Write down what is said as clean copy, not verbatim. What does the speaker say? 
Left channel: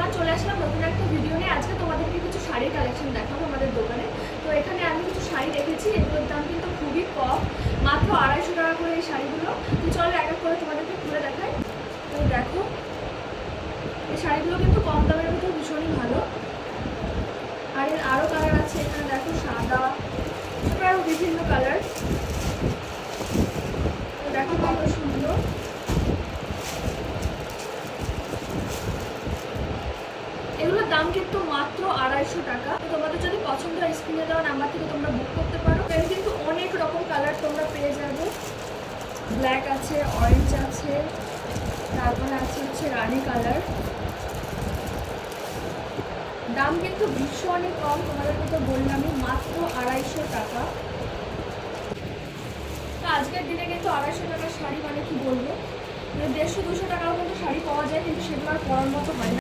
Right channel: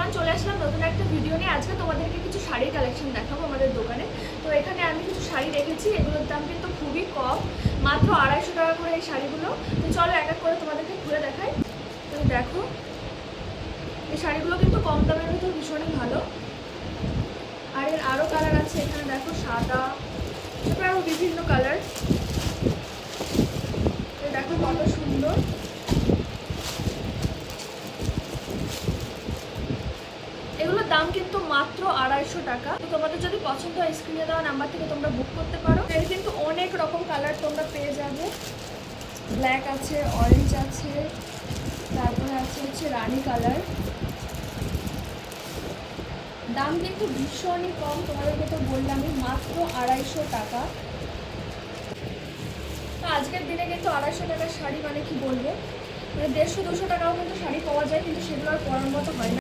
Everyone, চলে আসলাম নতুন একটা ভিডিও নিয়ে। আজকে তোমাদেরকে কিছু শাড়ির কালেকশন দেখাবো আমাদের দোকানে। তো এখানে আমি কিছু শাড়ি রেখেছি, এগুলোর দাম কিন্তু খুবই কম, মাত্র 250 টাকা করে এই শাড়িগুলো। তো চলো এক এক করে তোমাদেরকে খুলে দেখাই। তো দেখো, এই শাড়িগুলো কিন্তু কম দামের ভিতরে ভীষণই ভালো। আর এর আরও কালার আছে, এখানে দেখো সাদা, আরও বিভিন্ন কালার। দেখো কত সুন্দর। এগুলোর দাম কিন্তু মাত্র 250 টাকা। তো তোমাদের যদি পছন্দ হয় স্ক্রিনে দেওয়া নাম্বার থেকে তোমরা বুক করতে পারো। এর কিন্তু অনেক রকম কালার তোমরা পেয়ে যাবে। ব্ল্যাক আছে, অরেঞ্জ আছে, তারপরে হচ্ছে রানী কালার। দাম কিন্তু ভীষণই কম, তোমাদেরকে তো বললামই, মাত্র 250 টাকা। তো আজকের দিনে কিন্তু 250 টাকার শাড়ি মানে কি বলবো, 150-200 টাকাও কিন্তু শাড়ি পাওয়া যায়, কিন্তু সেগুলো আর পরার মতো হয় না।